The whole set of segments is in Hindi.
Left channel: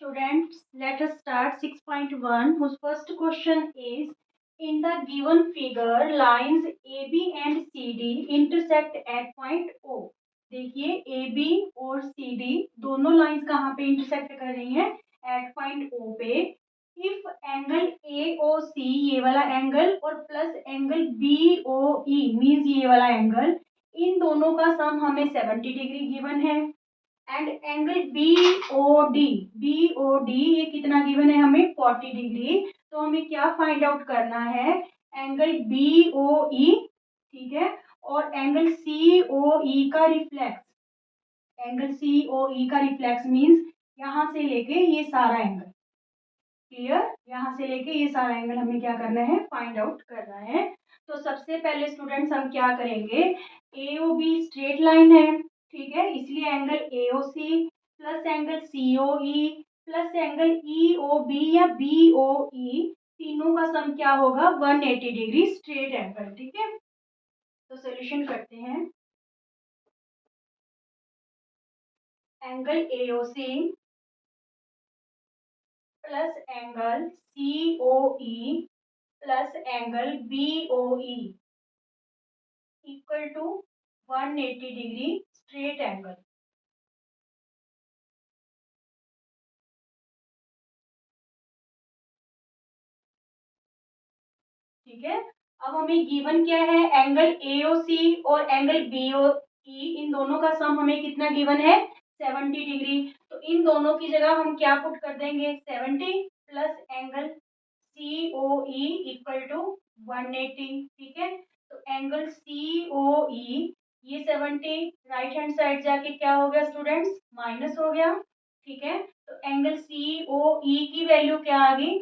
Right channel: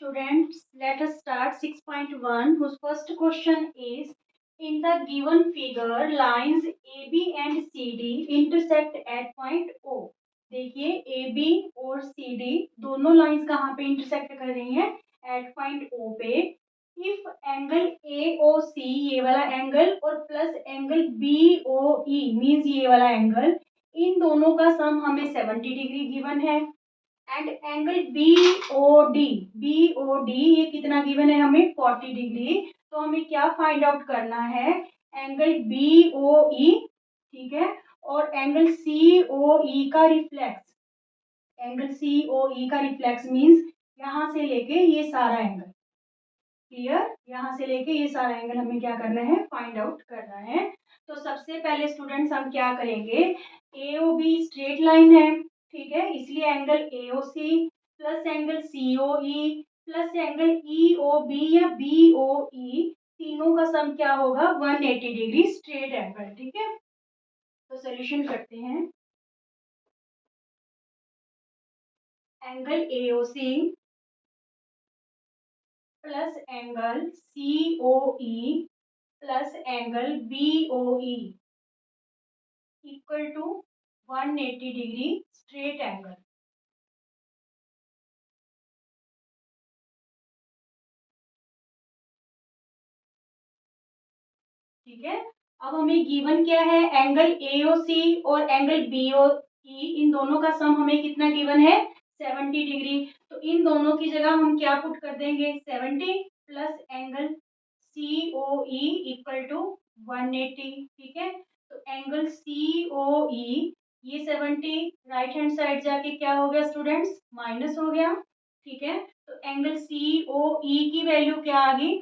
Students, let us start 6.1, whose first question is: in the given figure, lines AB and CD intersect at point O. देखिए AB और CD दोनों लाइंस कहाँ पे इंटरसेक्ट कर रही हैं? एट पॉइंट O पे. इफ एंगल AOC, ये वाला एंगल, और प्लस एंगल BOE मीन्स ये वाला एंगल, इन दोनों का सम हमें 70 डिग्री गिवन है. And angle B O D ये कितना गिवन है हमें? 40 डिग्री. तो हमें क्या फाइंड आउट करना है? एंगल बी ओ ई, ठीक है, और एंगल सी ओ ई का रिफ्लेक्स. एंगल सी ओ ई का रिफ्लेक्स मीन्स यहां से लेके ये सारा एंगल. क्लियर? यहां से लेके ये सारा एंगल हमें क्या करना है? फाइंड आउट करना है. तो सबसे पहले स्टूडेंट्स हम क्या करेंगे? A O B straight line है, ठीक है, इसलिए angle A O C plus angle C O E plus angle E O B या बी ओ ई, तीनों का सम क्या होगा? 180 डिग्री स्ट्रेट एंगल. ठीक है, तो सोल्यूशन करते हैं. Angle A O C plus angle C O E plus angle B O E equal to 180 degree straight angle. ठीक है, अब हमें गिवन क्या है? एंगल AOC और एंगल BOE, इन दोनों का सम हमें कितना गिवन है? 70 डिग्री. तो इन दोनों की जगह हम क्या पुट कर देंगे? 70 plus angle COE equal to 180. ठीक है, तो एंगल COE, ये 70 राइट हैंड साइड जाके क्या हो गया स्टूडेंट्स? माइनस हो गया. ठीक है, तो एंगल COE की वैल्यू क्या आ गई?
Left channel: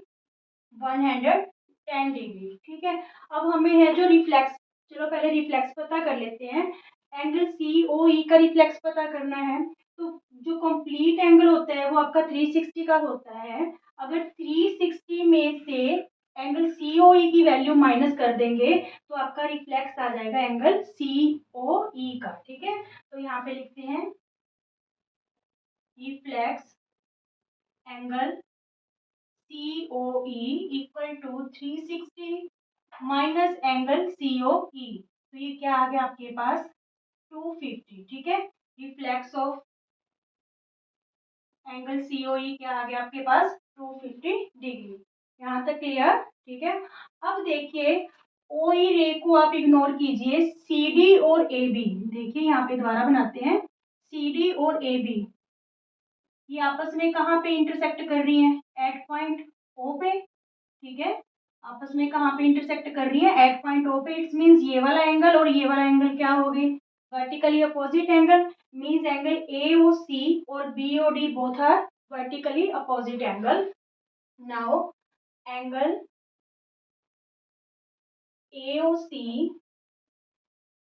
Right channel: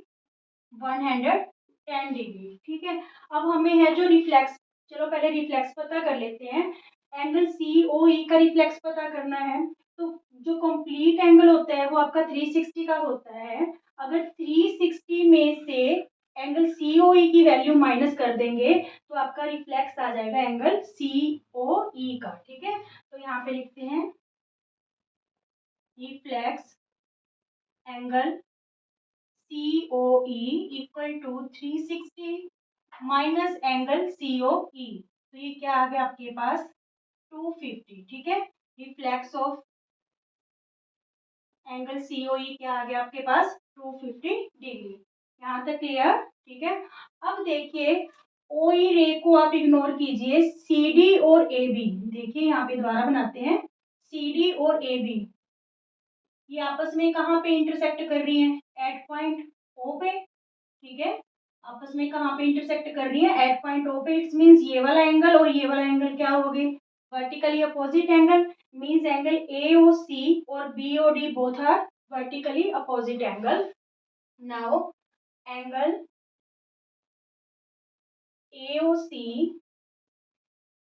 110 डिग्री. ठीक है, अब हमें है जो रिफ्लेक्स, चलो पहले रिफ्लेक्स पता कर लेते हैं. एंगल सी ओ ई का रिफ्लेक्स पता करना है. तो जो कंप्लीट एंगल होता है वो आपका 360 का होता है. अगर 360 में से एंगल सी ओ ई की वैल्यू माइनस कर देंगे तो आपका रिफ्लेक्स आ जाएगा एंगल सी ओ ई का. ठीक है, तो यहाँ पे लिखते हैं reflex angle COE equal to 360 minus angle COE. तो ये क्या आ गया आपके पास? 250. ठीक है, रिफ्लेक्स ऑफ एंगल COE क्या आ गया आपके पास? 250 डिग्री. यहाँ तक क्लियर? ठीक है, अब देखिए OE रे को आप इग्नोर कीजिए. CD और AB, देखिए यहाँ पे दोबारा बनाते हैं. CD और AB ये आपस में कहाँ पे इंटरसेक्ट कर रही हैं? एट पॉइंट O पे. ठीक है, आपस में कहाँ पे इंटरसेक्ट कर रही है? एट पॉइंट ओ पे. इट्स मींस ये वाला एंगल और ये वाला एंगल क्या हो गए? Vertically opposite angle. Means angle A O C और B O D both are vertically opposite angle. Now angle A O C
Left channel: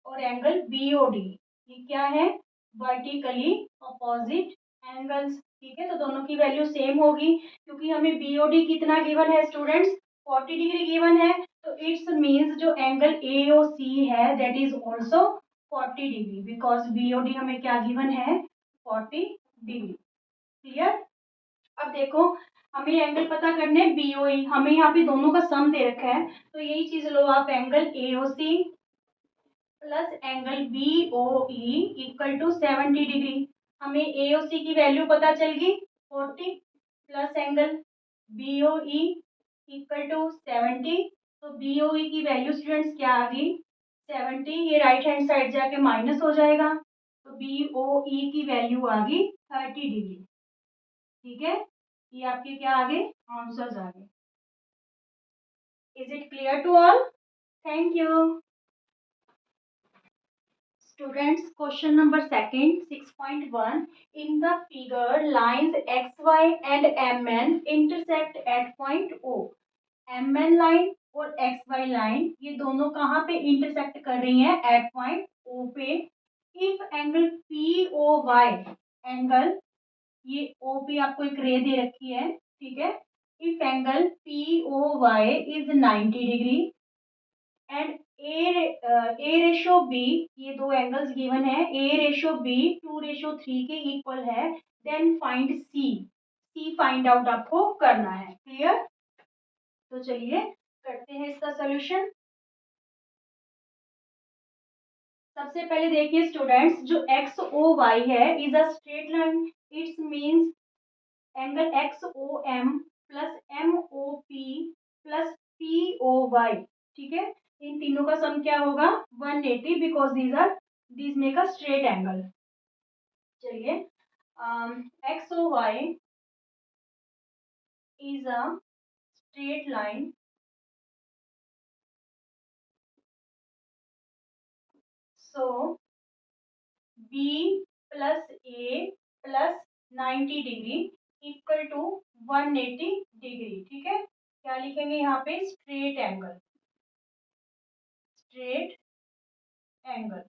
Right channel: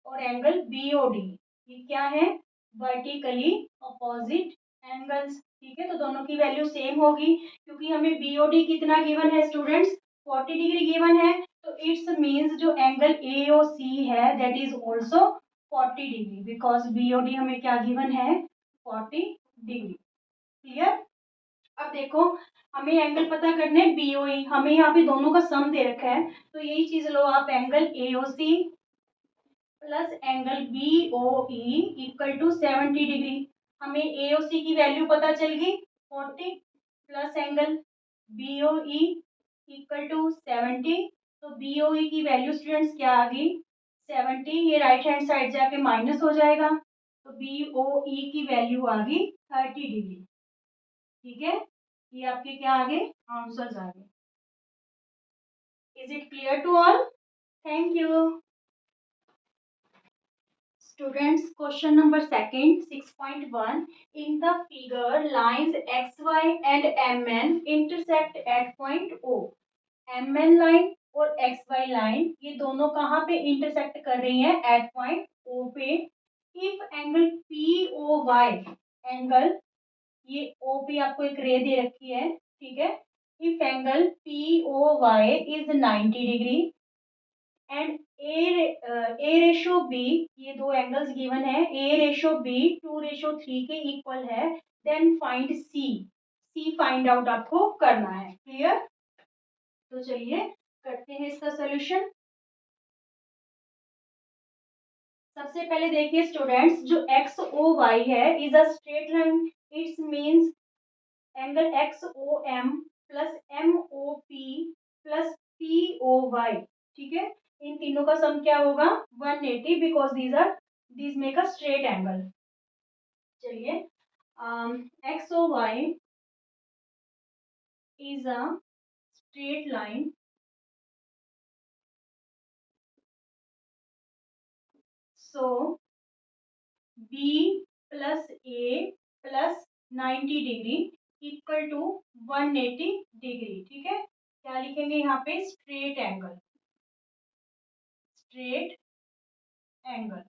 और एंगल बी ओ डी, ये क्या है? Vertically opposite angles. ठीक है, तो दोनों की वैल्यू सेम होगी क्योंकि हमें बीओडी कितना गिवन है स्टूडेंट्स? 40 डिग्री गिवन है. तो इट्स मींस जो एंगल एओसी है that is also 40 degree because BOD हमें क्या गिवन है? 40 डिग्री. क्लियर? अब देखो हमें एंगल पता करने बीओई, हमें यहाँ पे दोनों का सम दे रखा है. तो यही चीज लो आप, angle AOC plus angle B O E equal to 70 degree. हमें ए ओ सी की वैल्यू पता चल गई 40 plus angle B O E equal to 70. तो बी ओ ई की वैल्यू स्टूडेंट्स क्या आ गई? 70. ये राइट हैंड साइड जाके माइनस हो जाएगा. तो बी ओ ई की वैल्यू आ गई 30 डिग्री. ठीक है, ये आपके क्या आ गए? आंसर्स आ गए. Is it clear to all? Thank you. Students, question number second, 6.1. In the figure, lines XY and MN intersect at point O. MN line और XY line ये दोनों कहाँ पे इंटरसेक्ट कर रही हैं? एट पॉइंट O पे. इफ एंगल POY, एंगल ये O पे आपको एक रे दे रखी है. ठीक है, if angle POY is 90 degree and A ratio B, ये दो एंगल्स गिवन है, ए रेशो बी 2:3 के इक्वल है. देन फाइंड सी. सी फाइंड आउट आपको करना है। क्लियर? तो चलिए करते हैं इसका सोल्यूशन। सबसे पहले देखिए स्टूडेंट्स, जो एक्स ओ वाई है is a straight line. It's means angle X O M plus M O P plus P O Y. ठीक है, इन तीनों का सम क्या होगा? 180, because these make a straight angle. चलिए, X O Y is a straight line, so B plus A plus 90 degree equal to 180 degree. ठीक है, क्या लिखेंगे यहाँ पे? Straight angle, straight angle.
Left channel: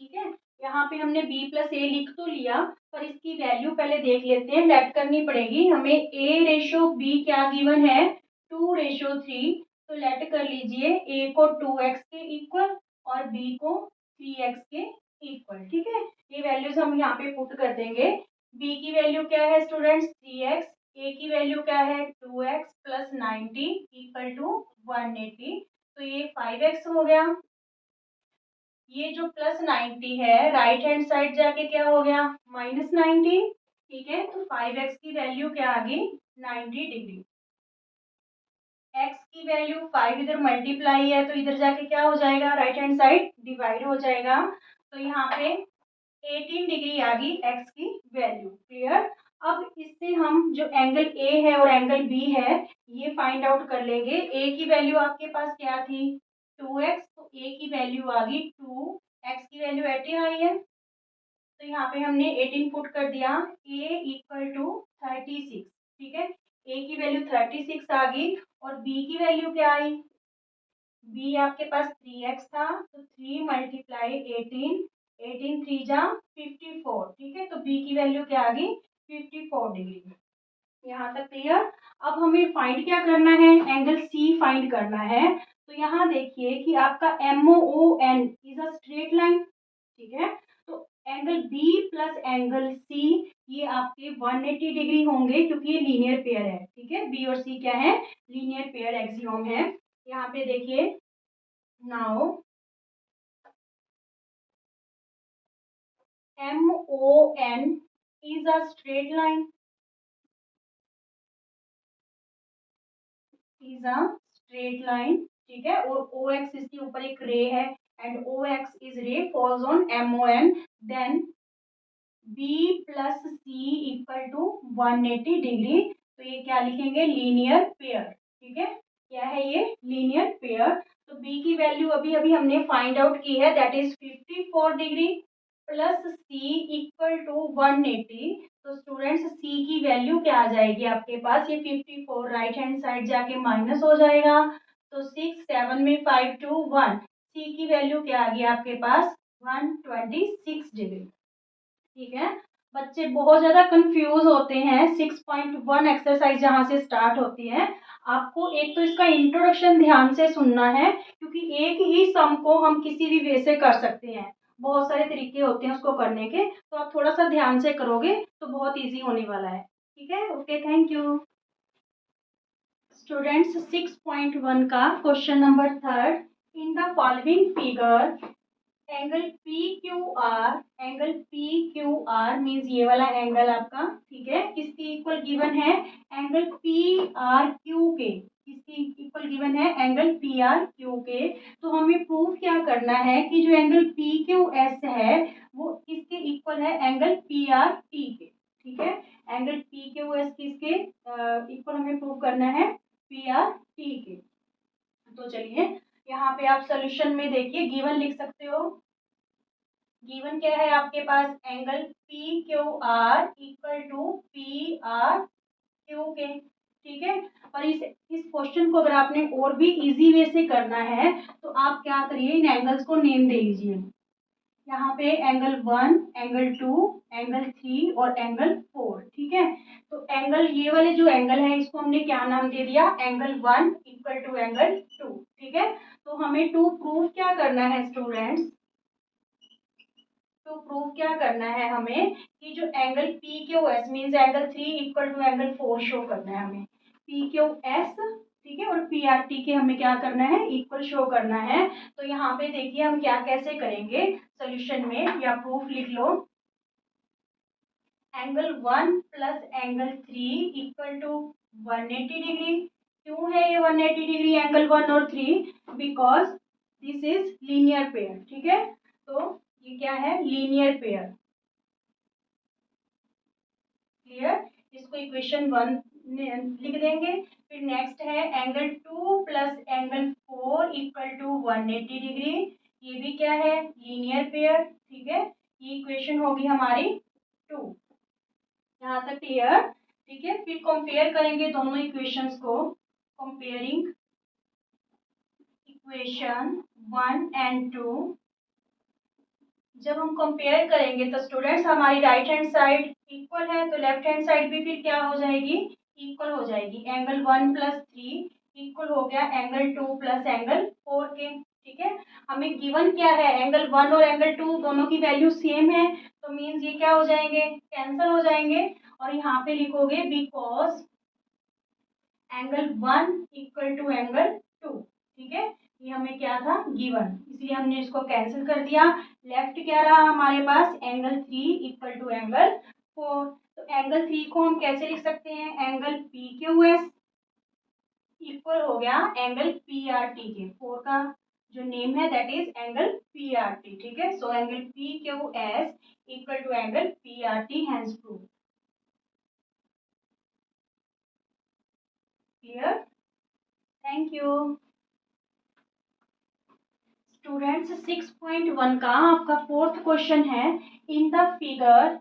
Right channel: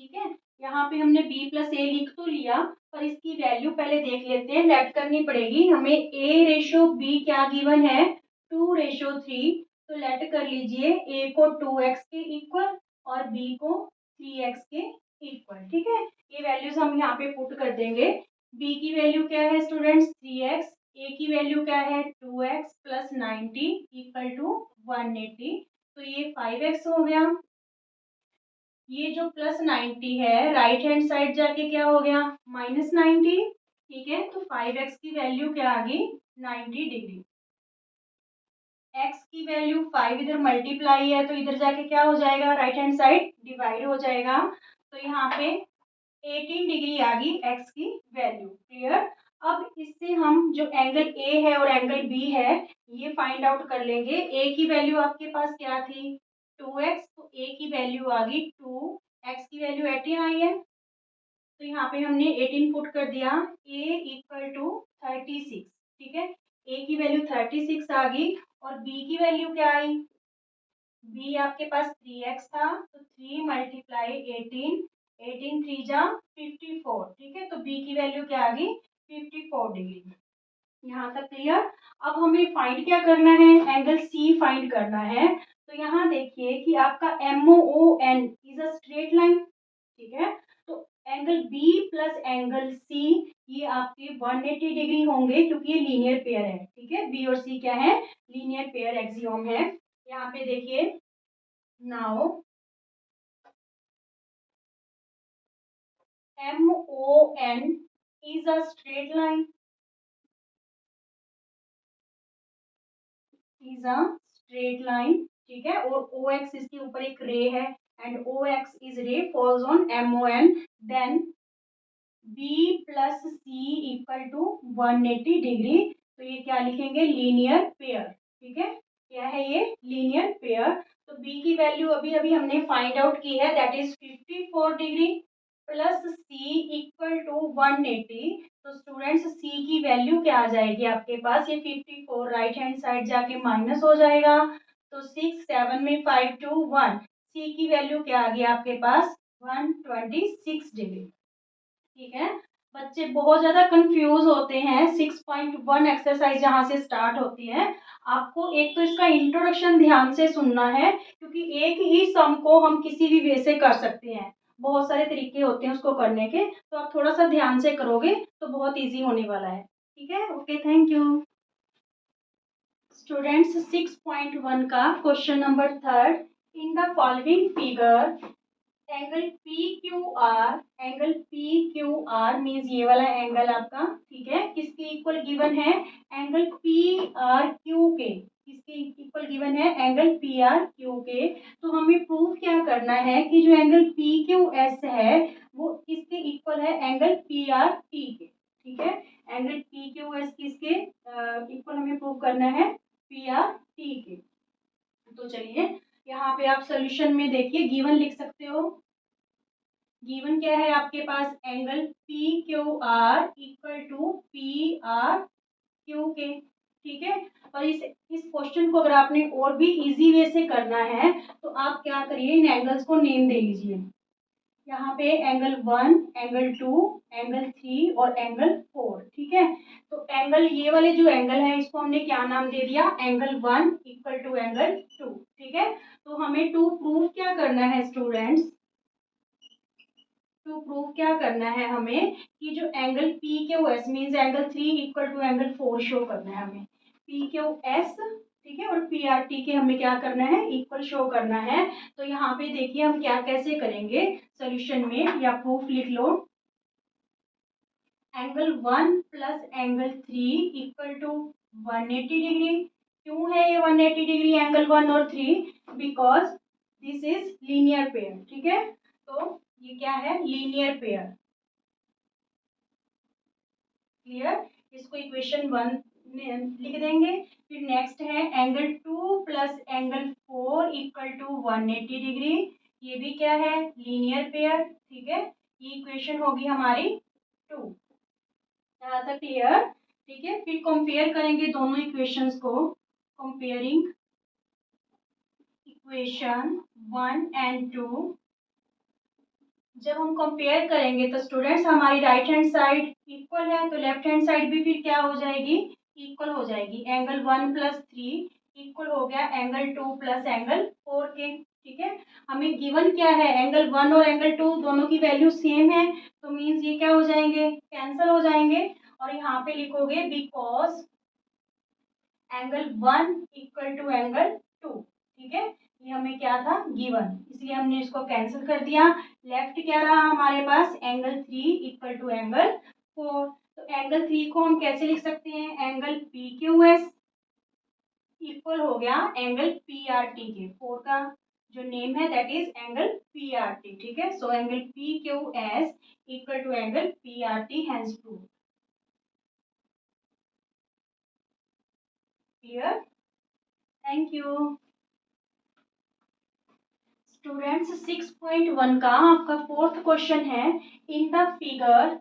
ठीक है, यहाँ पे हमने B प्लस ए लिख तो लिया, पर इसकी वैल्यू पहले देख लेते हैं, लेट करनी पड़ेगी हमें। A रेशो B क्या गिवन है? 2:3। तो लेट कर लीजिए, A को 2x के इक्वल और B को 3x के इक्वल। ठीक है, ये वैल्यूज हम यहाँ पे पुट कर देंगे। B की वैल्यू क्या है स्टूडेंट्स? 3x। A की वैल्यू क्या है? 2x plus 90 equal to 180। तो ये 5x हो गया। ये जो प्लस 90 है, राइट हैंड साइड जाके क्या हो गया? -90। ठीक है, तो 5x की वैल्यू क्या आ गई? 90 डिग्री। x की वैल्यू 5 इधर मल्टीप्लाई है, तो इधर जाके क्या हो जाएगा? राइट हैंड साइड डिवाइड हो जाएगा। तो यहाँ पे 18 डिग्री आ गई x की वैल्यू। क्लियर? अब इससे हम जो एंगल A है और एंगल B है, ये फाइंड आउट कर लेंगे। A की वैल्यू आपके पास क्या थी? 2x, तो A की वैल्यू आ गई 2, x की वैल्यू 18 आई है, तो यहाँ पे हमने 18 पुट कर दिया। A equal to 36। ठीक है, A की वैल्यू 36 आ गई और B की वैल्यू क्या आई? B आपके पास 3x था, तो 3 मल्टीप्लाई 18, 18 3 जा 54। ठीक है, तो B की वैल्यू क्या आ गई? 54 डिग्री। यहाँ तक क्लियर? अब हमें फाइंड क्या करना है? एंगल C फाइंड करना है। तो यहाँ देखिए कि आपका MON is a straight line. ठीक है, तो angle B plus angle C ये आपके 180 डिग्री होंगे, क्योंकि ये लीनियर पेयर है। ठीक है, B और C क्या है? लीनियर पेयर एक्सियोम है। यहाँ पे देखिए, now MON is a straight line, is a straight line। ठीक है, और OX इसके ऊपर एक रे है, and OX is ray falls on MON, then B plus C equal to 180 degree. तो ये क्या लिखेंगे? Linear pair. ठीक है, क्या है ये? Linear pair. तो B की वैल्यू अभी अभी हमने फाइंड आउट की है, that is 54 degree plus C equal to 180। तो स्टूडेंट्स, C की वैल्यू क्या आ जाएगी आपके पास? ये 54 राइट हैंड साइड जाके माइनस हो जाएगा, तो 6 7 में 5 2 1। C की वैल्यू क्या आ गई आपके पास? 126 डिग्री। ठीक है, बच्चे बहुत ज्यादा कंफ्यूज होते हैं। 6.1 एक्सरसाइज जहां से स्टार्ट होती है, आपको एक तो इसका इंट्रोडक्शन ध्यान से सुनना है, क्योंकि एक ही सम को हम किसी भी वे से कर सकते हैं। बहुत सारे तरीके होते हैं उसको करने के, तो आप थोड़ा सा ध्यान से करोगे तो बहुत इजी होने वाला है। ठीक है, ओके, थैंक यू स्टूडेंट्स। 6.1 का question number 3, in the following figure angle P Q are, angle P Q are means ये वाला एंगल आपका, ठीक है, किसके इक्वल गिवन है? एंगल पी आर क्यू के। किसके इक्वल गिवन है? एंगल पी आर क्यू के। तो हमें प्रूव क्या करना है कि जो एंगल पी क्यू एस है वो किसके इक्वल है? एंगल पी आर टी के। ठीक है, एंगल पी क्यू एस किसके इक्वल हमें प्रूव करना है? पी आर टी के। तो चलिए, यहाँ पे आप सोल्यूशन में देखिए, गिवन लिख सकते हो। गिवन क्या है आपके पास? Angle P Q R equal to P R Q के। ठीक है, और इस क्वेश्चन को अगर आपने और भी इजी वे से करना है, तो आप क्या करिए, इन एंगल्स को नेम दे लीजिए। यहाँ पे एंगल 1, एंगल 2, एंगल 3 और एंगल 4। ठीक है, तो एंगल, ये वाले जो एंगल है इसको हमने क्या नाम दे दिया? Angle 1 equal to angle 2। ठीक है, तो हमें टू प्रूव क्या करना है स्टूडेंट्स? टू प्रूव क्या करना है हमें कि जो angle P Q S means angle 3 equal to angle 4 show करना है हमें, पी क्यू एस, ठीक है, और पी आर टी के हमें क्या करना है, इक्वल शो करना है। तो यहाँ पे देखिए हम क्या कैसे करेंगे सोल्यूशन में, या प्रूफ लिख लो, angle 1 plus angle 3 equal to 180 degree. क्यों है ये 180 डिग्री एंगल 1 और 3? Because this is linear pair, ठीक है, तो ये क्या है, लीनियर पेयर। क्लियर, इसको इक्वेशन 1 लिख देंगे। फिर नेक्स्ट है angle 2 plus angle 4 equal to 180 degree, ये भी क्या है, लीनियर पेयर, ठीक है, ये इक्वेशन होगी हमारी 2। यहाँ तक क्लियर, ठीक है। फिर कंपेयर करेंगे दोनों इक्वेशंस को, कंपेयरिंग इक्वेशन 1 एंड 2। जब हम कंपेयर करेंगे तो स्टूडेंट्स हमारी राइट हैंड साइड इक्वल है, तो लेफ्ट हैंड साइड भी फिर क्या हो जाएगी, इक्वल हो जाएगी। एंगल 1 प्लस 3 इक्वल हो गया एंगल 2 प्लस एंगल 4 के, ठीक है। हमें गिवन क्या है, एंगल 1 और एंगल 2 दोनों की वैल्यू सेम है, तो मीन्स ये क्या हो जाएंगे, कैंसिल हो जाएंगे। और यहाँ पे लिखोगे because angle 1 equal to angle 2, ठीक है, ये हमें क्या था, गिवन, इसलिए हमने इसको कैंसिल कर दिया। लेफ्ट क्या रहा हमारे पास, एंगल 3 इक्वल टू एंगल 4। तो एंगल 3 को हम कैसे लिख सकते हैं, angle P Q S equal हो गया एंगल पी आर टी के। 4 का जो नेम है that is angle P R T, ठीक है। So angle P Q S equal to angle P R T, hence prove. Clear, thank you students. 6.1 का आपका फोर्थ क्वेश्चन है, इन द फिगर,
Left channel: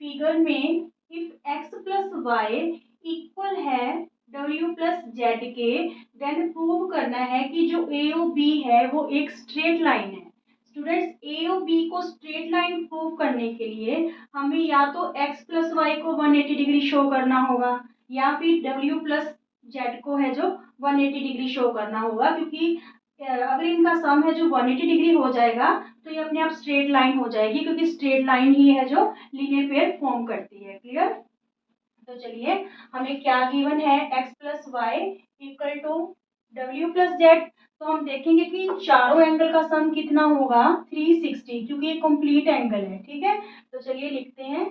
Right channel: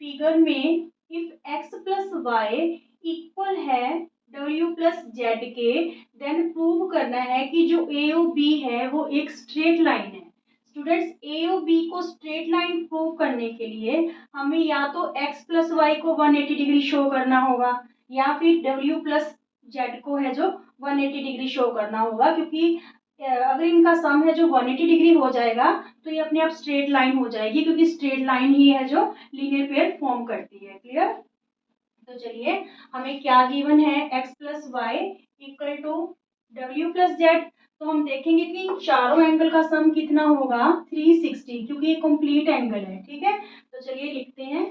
फिगर में if x plus y equal है w प्लस जेड के, देन प्रूव करना है कि जो ए ओ बी है वो एक स्ट्रेट लाइन है। स्टूडेंट्स ए ओ बी को स्ट्रेट लाइन प्रूव करने के लिए हमें या तो x प्लस वाई को 180 डिग्री शो करना होगा, या फिर w प्लस जेड को है जो 180 डिग्री शो करना होगा, क्योंकि अगर इनका सम है जो 180 डिग्री हो जाएगा तो ये अपने आप स्ट्रेट लाइन हो जाएगी, क्योंकि स्ट्रेट लाइन ही है जो लीनियर पेयर फॉर्म करती है। क्लियर, तो चलिए हमें क्या गिवन है, x plus y equal to डब्ल्यू प्लस जेड। तो हम देखेंगे कि चारों एंगल का सम कितना होगा, 360, क्योंकि ये कंप्लीट एंगल है, ठीक है। तो चलिए लिखते हैं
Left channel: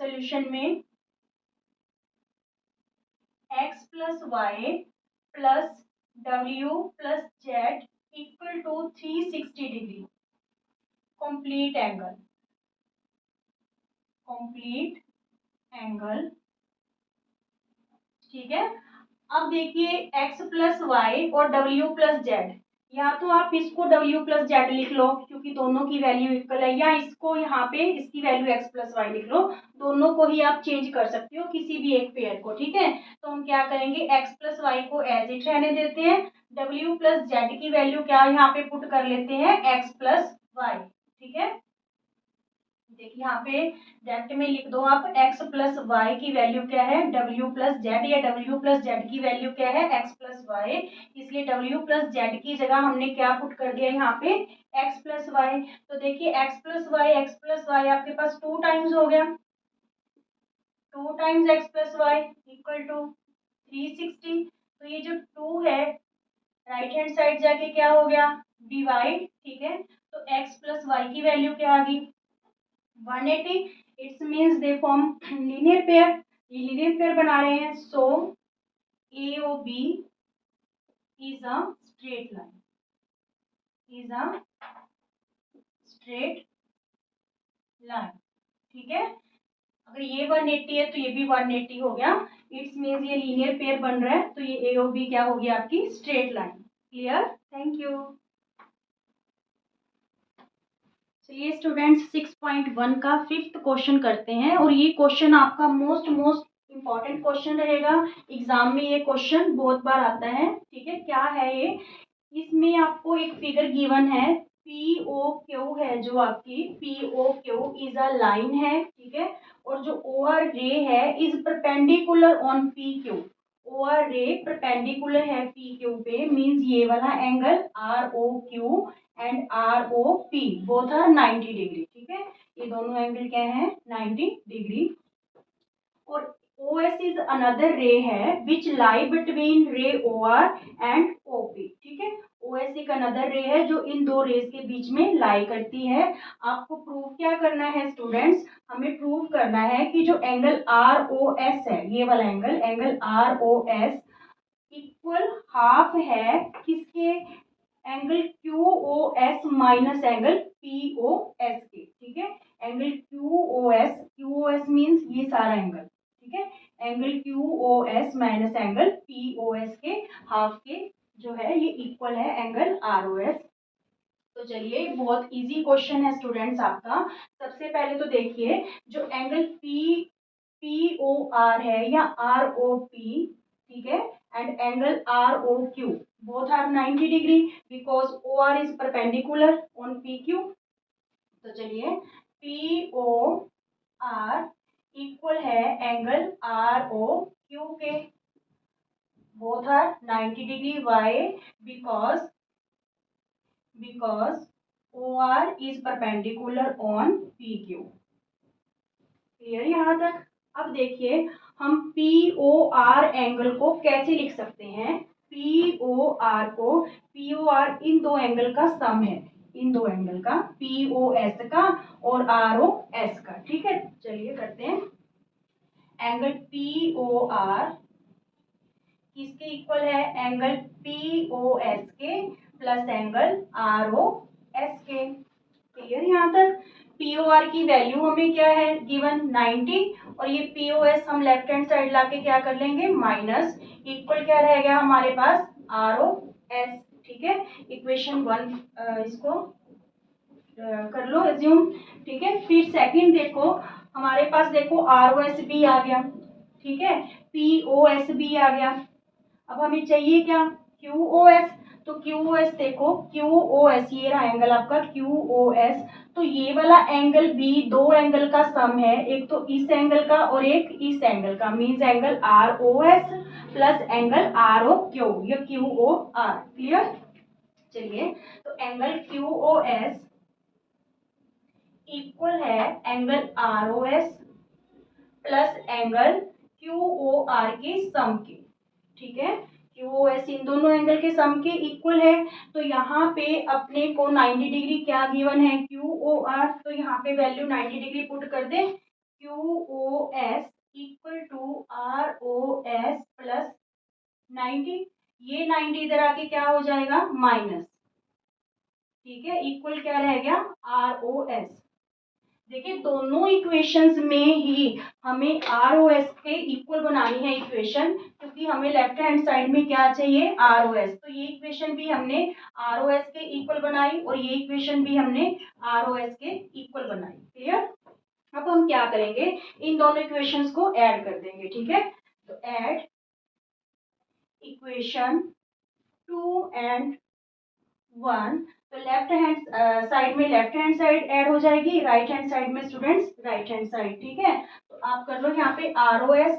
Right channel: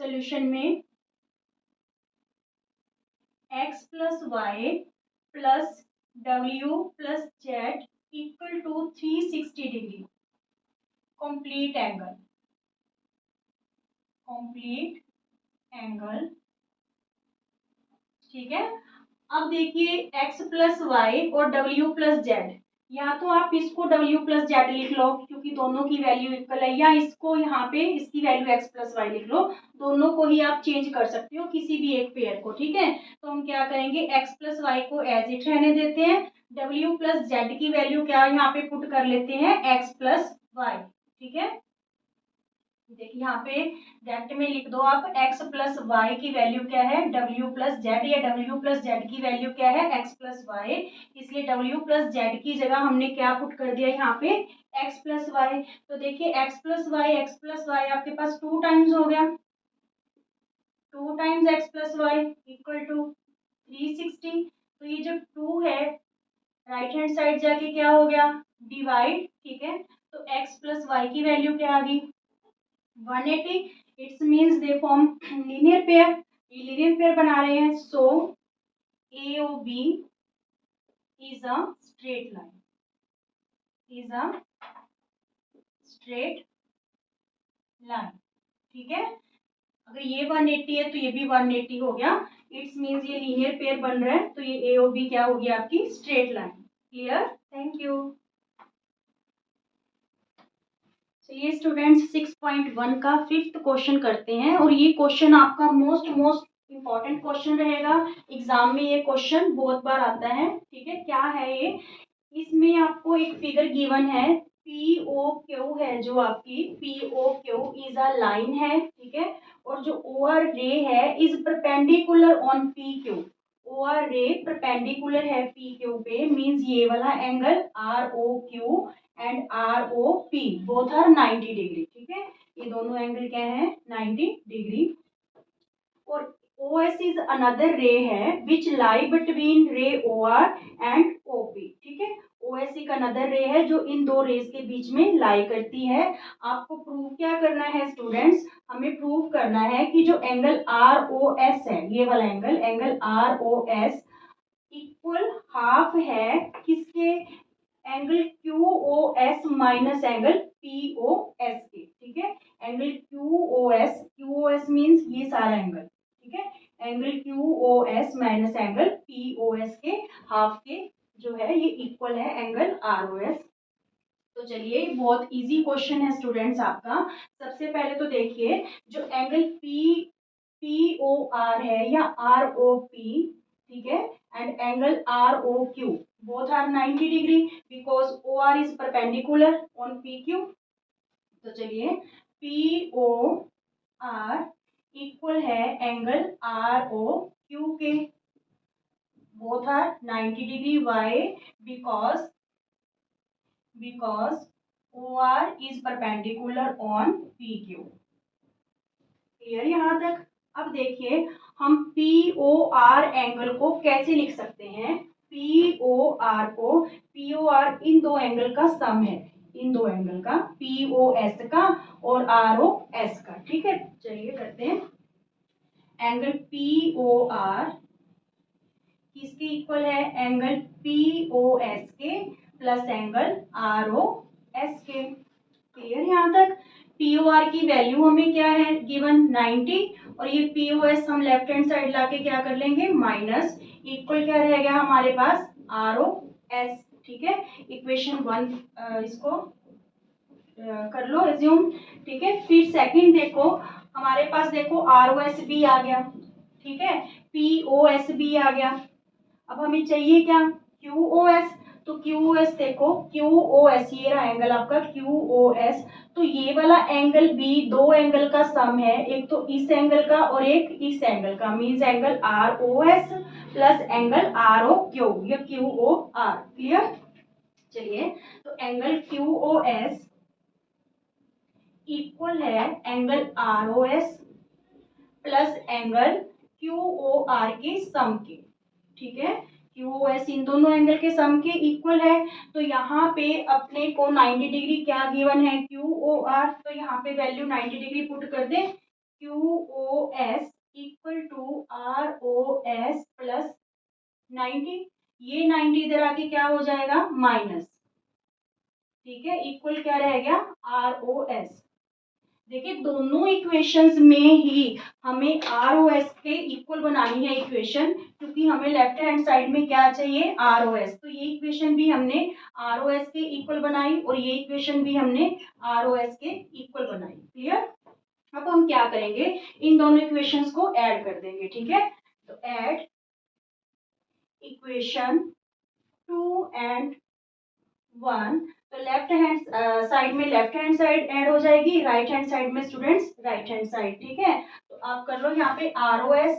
सोल्यूशन में, x प्लस वाई प्लस डब्ल्यू plus z equal to 360 degree, complete angle, complete angle, ठीक है। अब देखिए x प्लस वाई और w प्लस जेड, या तो आप इसको w प्लस जेड लिख लो क्योंकि दोनों की वैल्यू इक्वल है, या इसको यहाँ पे इसकी वैल्यू x प्लस वाई लिख लो, दोनों को ही आप चेंज कर सकते हो, किसी भी एक पेयर को, ठीक है। तो हम क्या करेंगे, x प्लस वाई को एज इट रहने देते हैं, w प्लस जेड की वैल्यू क्या यहाँ पे पुट कर लेते हैं, x प्लस वाई, ठीक है। देखिए यहाँ पे डेप्थ में लिख दो आप, x प्लस वाई की वैल्यू क्या है, w प्लस जेड, या w प्लस जेड की वैल्यू क्या है, x प्लस वाई, इसलिए w प्लस जेड की जगह हमने क्या पुट कर दिया यहाँ पे, x प्लस वाई। तो देखिए x प्लस वाई आपके पास 2 टाइम्स हो गया, 2 times x plus y equal to 360। तो ये जो 2 है राइट हैंड साइड जाके क्या हो गया, डिवाइड, ठीक है। तो x प्लस वाई की वैल्यू क्या आ गई, 180। It's means they form linear pair, ये लीनियर पेयर बना रहे हैं। So A O B is a straight line, is a straight line, ठीक है। अगर ये 180 है तो ये भी 180 हो गया, इट्स मीन्स ये लीनियर पेयर बन रहा है, तो ये ए ओ बी क्या होगी आपकी, straight line. Clear, thank you. चलिए स्टूडेंट्स 6.1 का फिफ्थ क्वेश्चन करते हैं, और ये क्वेश्चन आपका मोस्ट मोस्ट इम्पॉर्टेंट क्वेश्चन रहेगा, एग्जाम में ये क्वेश्चन बहुत बार आता है, ठीक है। क्या है ये, इसमें आपको एक फिगर गिवन है, पी ओ क्यू है जो आपकी P O Q is a line है, ठीक है, और जो ओ आर रे है is perpendicular on P Q, O R ray perpendicular है पी क्यू पे, मीन्स ये वाला angle R O Q and R O P both are 90 degree, ठीक है। ये दोनों एंगल क्या है 90 डिग्री। और OS इज अनदर रे है विच लाई बिटवीन रे OR एंड OP। ठीक है, OS एक अनदर रे है जो इन दो रेस के बीच में लाई करती है। आपको प्रूव क्या करना है स्टूडेंट्स, हमें प्रूव करना है कि जो एंगल ROS है, ये वाला angle angle ROS equal half है किसके, angle QOS minus angle POS के। ठीक है, एंगल QOS मीन्स ये सारा एंगल। ठीक है, angle QOS minus angle POS के हाफ के जो है ये इक्वल है एंगल ROS। तो चलिए बहुत इजी क्वेश्चन है स्टूडेंट्स आपका। सबसे पहले तो देखिए जो एंगल POR है या ROP, ठीक है, and angle ROQ both are 90 degree because OR is perpendicular on PQ। तो चलिए POR इक्वल है एंगल ROQ के, both are 90 degree। why? because OR is perpendicular on PQ। Clear यहाँ तक। अब देखिए हम POR एंगल को कैसे लिख सकते हैं, POR को, POR इन दो एंगल का सम है, इन दो एंगल का, POS का और ROS का। ठीक है, चलिए करते हैं। एंगल POR किसके इक्वल है, एंगल POS के प्लस एंगल ROS के। क्लियर यहाँ तक। POR की वैल्यू हमें क्या है गिवन 90 और ये POS हम लेफ्ट हैंड साइड लाके क्या कर लेंगे माइनस, इक्वल क्या रह गया हमारे पास ROS। ठीक है, इक्वेशन 1 इसको कर लो एज्यूम। ठीक है, फिर सेकंड देखो हमारे पास, देखो ROS भी आ गया, ठीक है, POS भी आ गया। अब हमें चाहिए क्या QOS। तो QOS देखो, QOS ये रहा एंगल आपका QOS। तो ये वाला एंगल भी दो एंगल का सम है, एक तो इस एंगल का और एक इस एंगल का, means angle ROS plus angle ROQ या QOR। क्लियर। चलिए तो एंगल QOS इक्वल है angle ROS plus angle QOR के सम के। ठीक है, QOS इन दोनों एंगल के सम के इक्वल है। तो यहाँ पे अपने को 90 डिग्री क्या गिवन है QOR, तो यहाँ पे वैल्यू 90 डिग्री पुट कर दे। QOS equal to ROS plus 90, ये 90 इधर आके क्या हो जाएगा माइनस। ठीक है, इक्वल क्या रह गया ROS। देखिए दोनों इक्वेशंस में ही हमें ROS के इक्वल बनानी है इक्वेशन, क्योंकि हमें लेफ्ट हैंड साइड में क्या चाहिए ROS। तो ये इक्वेशन भी हमने ROS के इक्वल बनाई और ये इक्वेशन भी हमने ROS के इक्वल बनाई। क्लियर। अब हम क्या करेंगे, इन दोनों इक्वेशंस को ऐड कर देंगे। ठीक है, तो ऐड इक्वेशन 2 एंड 1। तो लेफ्ट हैंड साइड में लेफ्ट हैंड साइड ऐड हो जाएगी, राइट हैंड साइड में स्टूडेंट्स राइट हैंड साइड। ठीक है, तो आप कर लो यहाँ पे ROS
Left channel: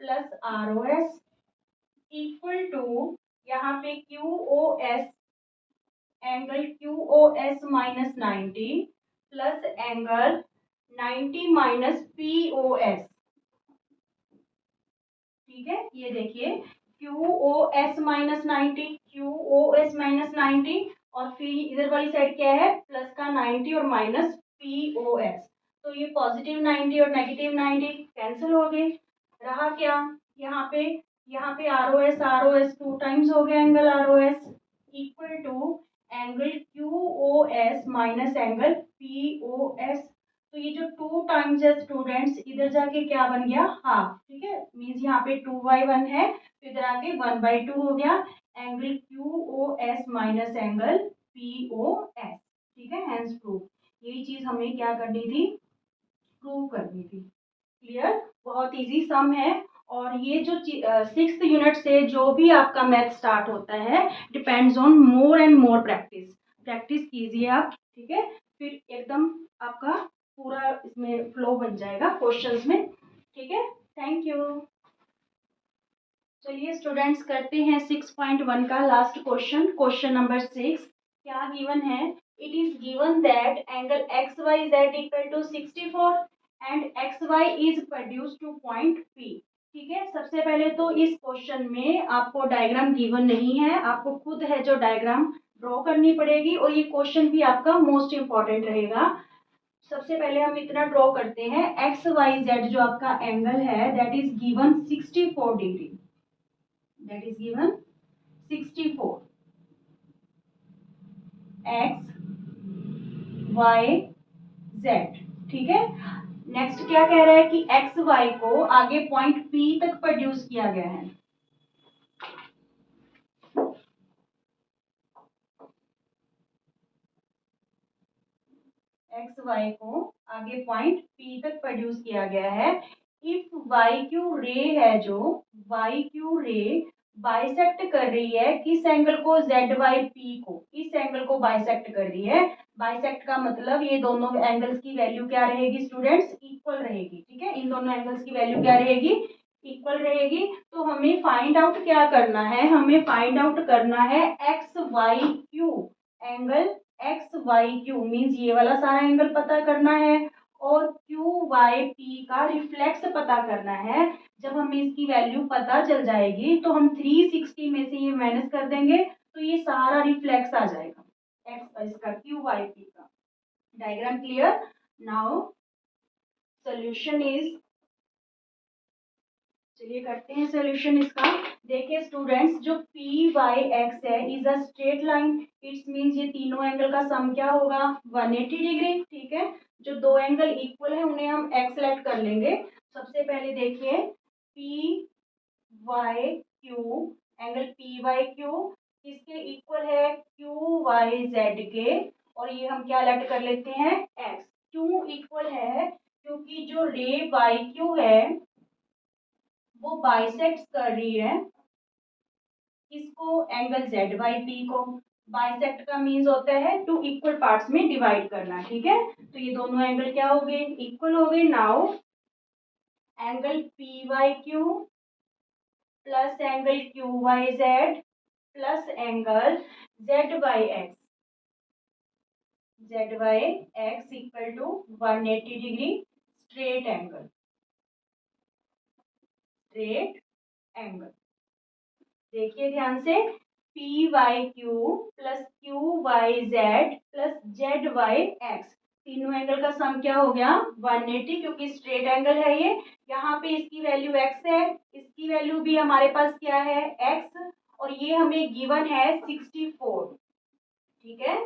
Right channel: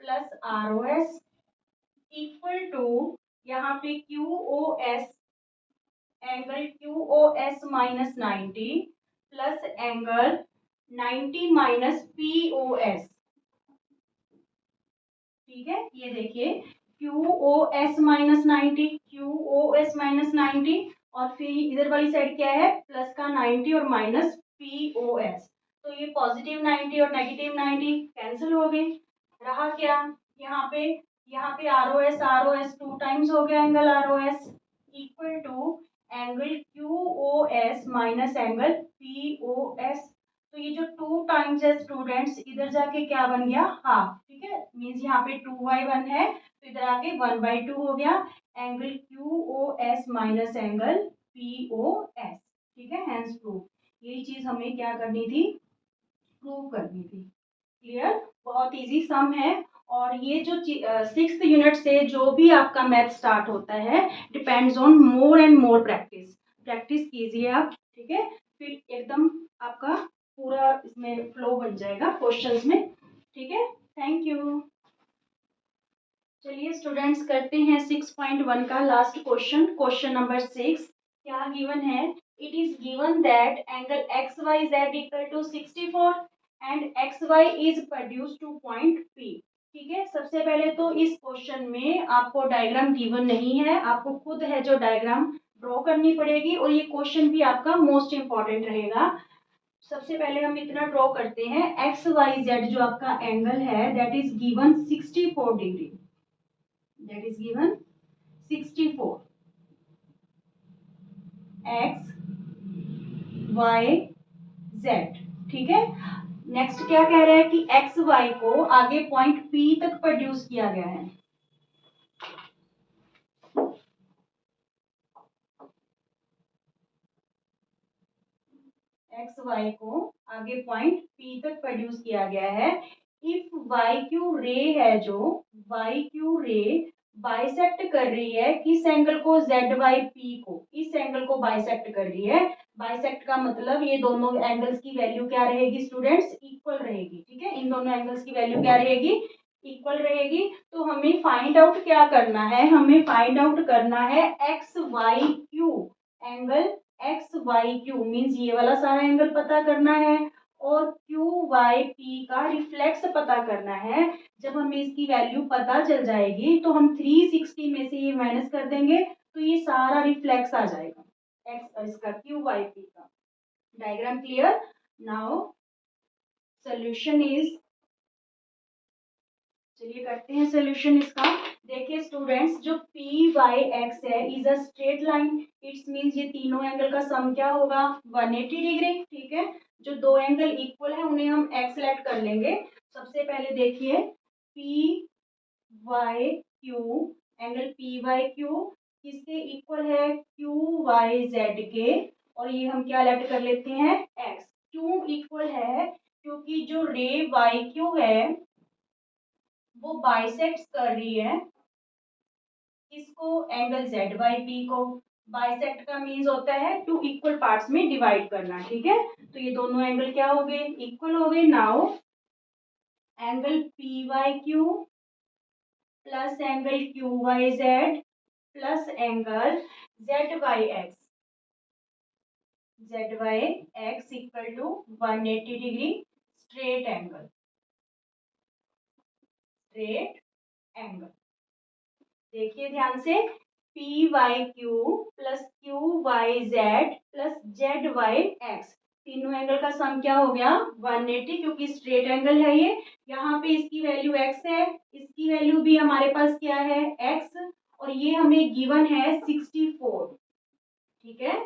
plus ROS equal to यहाँ पे QOS, angle QOS minus 90 plus angle 90 minus POS। ठीक है, ये देखिए QOS माइनस 90, QOS माइनस 90 और फिर इधर वाली साइड क्या है प्लस का 90 और माइनस POS। तो ये पॉजिटिव 90 और नेगेटिव 90 कैंसिल हो गए, रहा क्या यहाँ पे ROS टू टाइम्स हो गया angle ROS equal to angle QOS minus angle POS। तो ये जो टू टाइम्स है स्टूडेंट्स इधर जाके क्या बन गया हाफ। ठीक है, मीन्स यहाँ पे 2/1 है तो इधर आके 1/2 हो गया angle QOS minus angle POS। ठीक है, हैंस प्रूफ। यही चीज हमें क्या करनी थी, प्रूव करनी थी। क्लियर, बहुत इजी सम है। और ये जो 6th यूनिट से जो भी आपका मैथ स्टार्ट होता है depends on more and more practice. Practice कीजिए आप। ठीक है, फिर एकदम आपका पूरा इसमें फ्लो बन जाएगा क्वेश्चंस में। ठीक है, थैंक यू। चलिए स्टूडेंट्स करते हैं 6.1 का लास्ट क्वेश्चन, क्वेश्चन नंबर 6। क्या गिवन है, it is given that angle XYZ equal to 64 and XY is produced to point P। ठीक है, सबसे पहले तो इस क्वेश्चन में आपको डायग्राम गिवन नहीं है, आपको खुद है जो डायग्राम ड्रॉ करनी पड़ेगी और ये क्वेश्चन भी आपका मोस्ट इंपॉर्टेंट रहेगा। सबसे पहले हम इतना ड्रॉ करते हैं, एक्स वाई जेड जो आपका एंगल है that is given 64 degree, that is given 64 X Y Z. ठीक है, नेक्स्ट क्या कह रहा है कि एक्स वाई को आगे पॉइंट पी तक प्रोड्यूस किया गया है। एक्स वाई को आगे पॉइंट पी तक प्रोड्यूस किया गया है। इफ वाई क्यू रे है जो वाई क्यू रे बाइसेक्ट कर रही है किस एंगल को, जेड वाई पी को, इस एंगल को बाइसेक्ट कर रही है। बाइसेक्ट का मतलब ये दोनों एंगल्स की वैल्यू क्या रहेगी स्टूडेंट्स, इक्वल रहेगी। ठीक है, इन दोनों एंगल्स की वैल्यू क्या रहेगी, इक्वल रहेगी। तो हमें फाइंड आउट क्या करना है, हमें फाइंड आउट करना है X Y Q angle, X Y Q means ये वाला सारा एंगल पता करना है और क्यू वाई पी का रिफ्लेक्स पता करना है। जब हमें इसकी वैल्यू पता चल जाएगी तो हम 360 में से ये माइनस कर देंगे तो ये सारा रिफ्लेक्स आ जाएगा एक्स इसका क्यू वाई पी का। Diagram clear. Now solution is, चलिए करते हैं सोल्यूशन इसका। देखिए स्टूडेंट्स, जो पी वाई एक्स है is a straight line, it's means ये तीनों एंगल का सम क्या होगा 180 डिग्री। ठीक है, जो दो एंगल इक्वल है उन्हें हम एक्स सेलेक्ट कर लेंगे। सबसे पहले देखिए P Y Q, angle P Y Q किसके इक्वल है, क्यू वाई जेड के, और ये हम क्या सेलेक्ट कर लेते हैं एक्स। क्यों इक्वल है, क्योंकि जो रे वाई क्यू है वो बाइसेक्ट कर रही है किसको, एंगल जेड बाई पी को। बाइसेक्ट का मीन्स होता है टू इक्वल पार्ट्स में डिवाइड करना। ठीक है, तो ये दोनों एंगल क्या हो गए, इक्वल हो गए। Now angle P Y Q plus angle Q Y Z plus angle Z by X, Z by X equal to 180 degree straight angle, straight angle. देखिए ध्यान से, P Y Q plus Q Y Z plus Z Y X, तीनों एंगल का सम क्या हो गया 180, क्योंकि स्ट्रेट एंगल है ये। यहाँ पे इसकी वैल्यू एक्स है, इसकी वैल्यू भी हमारे पास क्या है एक्स, और ये हमें गिवन है 64। ठीक है,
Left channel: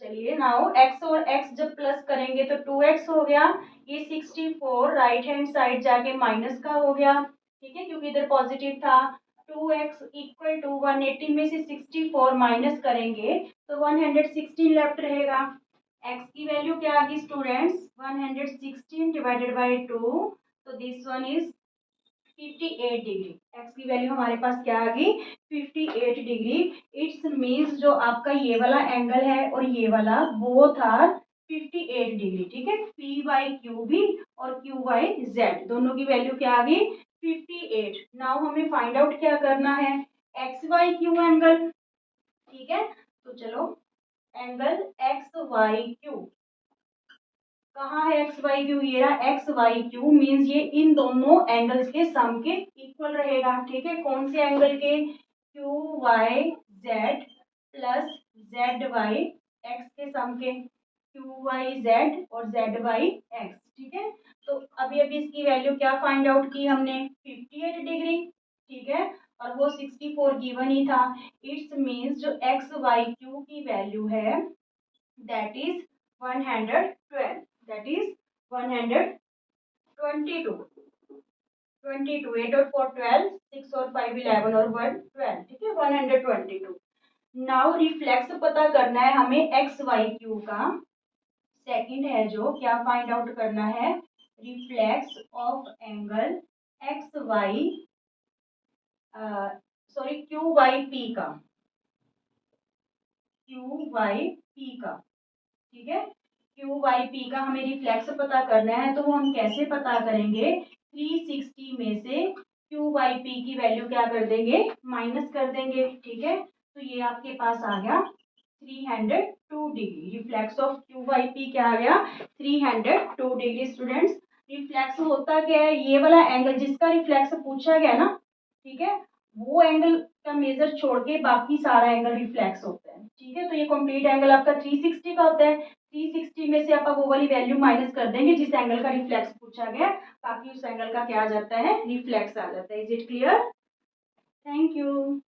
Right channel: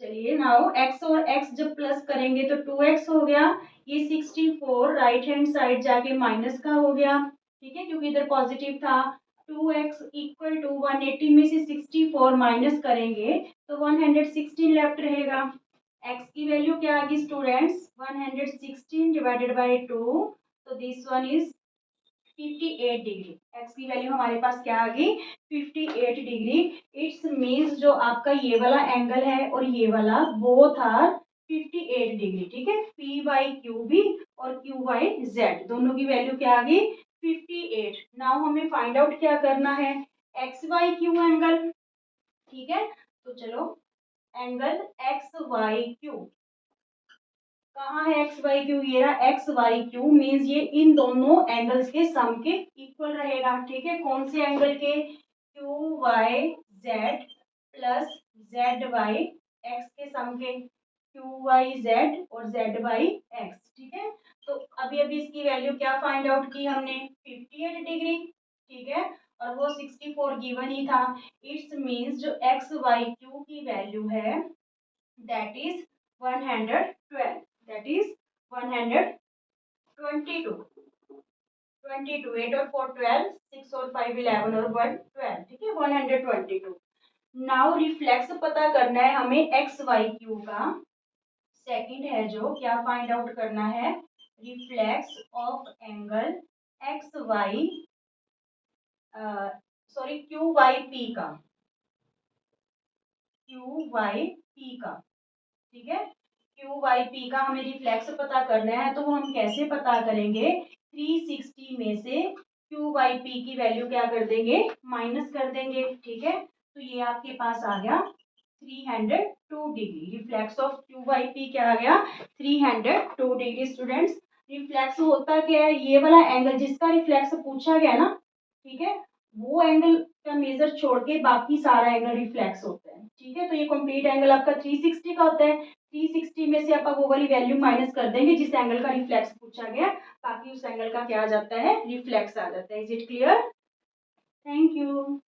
चलिए नाउ एक्स और एक्स जब प्लस करेंगे तो 2x हो गया, ये 64 राइट हैंड साइड जाके माइनस का हो गया। ठीक है, क्योंकि इधर पॉजिटिव था। 2x इक्वल टू 180 में से 64 माइनस करेंगे तो 116 लेफ्ट रहेगा। x की वैल्यू क्या आ गई स्टूडेंट्स 116 डिवाइडेड बाई 2, तो this one is 58 degree. X की वैल्यू हमारे पास क्या आ गई 58 डिग्री। इट्स मीन्स जो आपका ये वाला एंगल है और ये वाला बोथ आर 58 डिग्री। ठीक है, पी वाई क्यू भी और क्यू वाई जेड दोनों की वैल्यू क्या आ गई 58। नाउ हमें फाइंड आउट क्या करना है एक्स वाई क्यू एंगल। ठीक है, तो चलो एंगल एक्स वाई क्यू कहाँ है एक्स वाई क्यू, ये रहा एक्स वाई क्यू मीन्स ये इन दोनों एंगल्स के सम के इक्वल रहेगा। ठीक है, कौन से एंगल के, Q Y Z plus Z Y X के सम के, क्यू वाई जेड और जेड वाई एक्स। ठीक है, तो अभी अभी इसकी वैल्यू क्या फाइंड आउट की हमने 58 डिग्री। ठीक है, और वो 64 गिवन ही था। इट्स मीन्स जो एक्स वाई क्यू की वैल्यू है that is 112, that is 122, 22 8 और 4 12, 6 और 5 11 और 1 12। ठीक है, 122। नाउ रिफ्लेक्स पता करना है हमें एक्स वाई क्यू का। सेकंड है जो क्या फाइंड आउट करना है reflex of angle X Y sorry Q Y P का, क्यू वाई पी का। ठीक है, क्यू वाई पी का हमें रिफ्लेक्स पता करना है, तो वो हम कैसे पता करेंगे 360 में से क्यू वाई पी की वैल्यू क्या कर देंगे माइनस कर देंगे। ठीक है, तो ये आपके पास आ गया degree. Reflex of Q by P क्या आ गया 302 डिग्री। स्टूडेंट्स रिफ्लेक्स होता क्या है, ये वाला एंगल जिसका रिफ्लेक्स पूछा गया ना, ठीक है, वो एंगल का मेजर छोड़ के बाकी सारा एंगल रिफ्लेक्स होता है। ठीक है, तो ये कंप्लीट एंगल आपका 360 का होता है। 360 में से आप वो वाली वैल्यू माइनस कर देंगे जिस एंगल का रिफ्लेक्स पूछा गया, ताकि उस एंगल का क्या आ जाता है, रिफ्लेक्स आ जाता है। Is it clear? Thank you.